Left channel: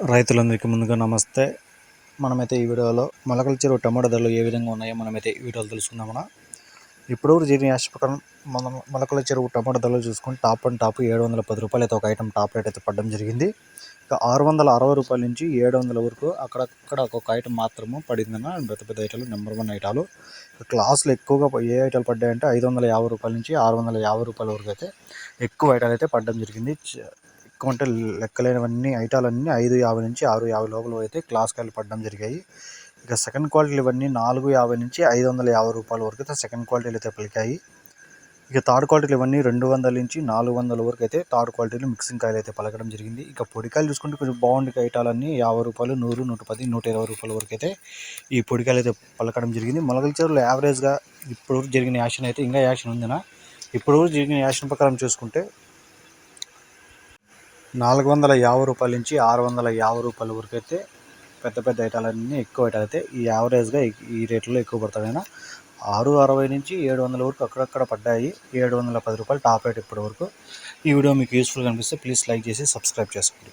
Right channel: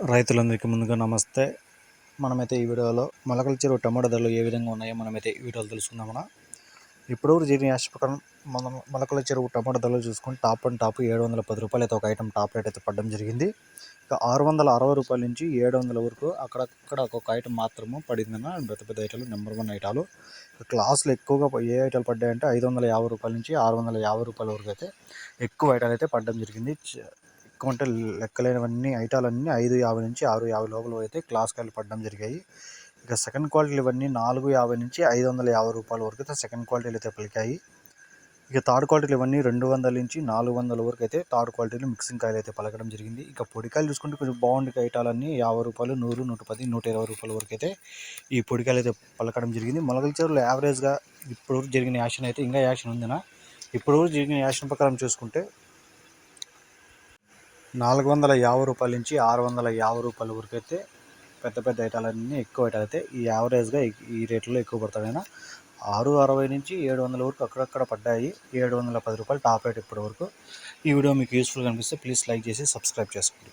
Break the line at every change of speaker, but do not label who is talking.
రైతులందరికీ ముందుగా నమస్తే. మనమైతే ఈ వీడియోలో మొలకల చెరువు టమాటా ధరలు ఏ విధంగా ఉన్నాయో మనమైతే ఈ వీడియోలో తెలుసుకుందామన్నా ఇప్పుడు జరిగిన యాష్ ప్రకారం మన మొలకల చెరువు టమాటా ధరలు చూసుకొని టాప్ అండ్ టాప్ ఏడు వందల పది రూపాయలు అయితే ఒక ఐటమ్ టాప్ రేట్ అయితే పడడం జరిగింది. ఇక ఆరు వందల అరవై రూపాయల నుంచి ఏడు వందల వరకు అక్కడక్కడ ఒక్కొక్క ఐటమ్ మాత్రము పడిందన్న పెద్ద పెద్ద ఐటాలు నెంబర్ వన్ ఐటాలు. క్లాసులు ఎక్కువగా ఏ ఐటాలు పడ్డాయంటే ఐదు వందల యాభై రూపాయల నుంచి ఆరు వందల యాభై రూపాయల వరకు అయితే ఎక్కువ ఐటాలు అయితే పడడం జరిగింది. ఎక్కువ అంటే లెక్కలేనవన్నీ ఐటాలన్నీ ఐదు యాభై నుంచి ఆరు యాభై లోపల అయితే క్లాస్ కాయలు పడడం జరిగాయి. ఇక సెకండ్ క్వాలిటీలు ఇవన్నీ నాలుగు యాభై నుంచి ఐదు వందల యాభై రూపాయల వరకు అయితే సెకండ్ క్వాలిటీలు అయితే పలికాయి. ఇక థర్డ్ క్వాలిటీలు ఇవన్నీ రెండు వందల నుంచి నాలుగు వందల వరకు అయితే థర్డ్ క్వాలిటీలు మిక్సింగ్ కాయలు అయితే పలకడం జరిగింది. ఇక పొడికాయలు చూసుకుంటే కొంచెం బాగుండే ఐటాలన్నీ యాభై రూపాయలు నూరు నూట పది నూట ఇరవై రూపాయల వరకు అయితే ఈ పొడికాయలు అయితే పలకడం జరిగింది. మొలకల చెరువులు యావరేజ్గా ఇప్పుడు జరిగిన యాక్షన్ అయితే ఇంకా యాక్షన్ ఉందినా? ఇప్పుడు జరిగిన యాక్షన్ ప్రకారం చూసుకుంటే నాలుగు వందల యాభై రూపాయల నుంచి ఆరు వందల యాభై రూపాయల వరకు అయితే పెద్ద పెద్ద ఐటాలన్నీ ఎక్కువ ఐటాలు అయితే ఈ యావరేజ్గా ఈ రేట్లో ఎక్కువ పడతాయి. ఆరు అరవై నుంచి ఏడు వందల వరకు అక్కడక్కడ పడ్డాయి. ఏడు వందల పది రూపాయలు టాప్ రేట్ ఇప్పటి వరకు. ఈ వీడియో మీకు యూస్ఫుల్గా అనిపిస్తే ప్లీజ్ లైక్ చేసి సబ్స్క్రైబ్ చేసుకోండి.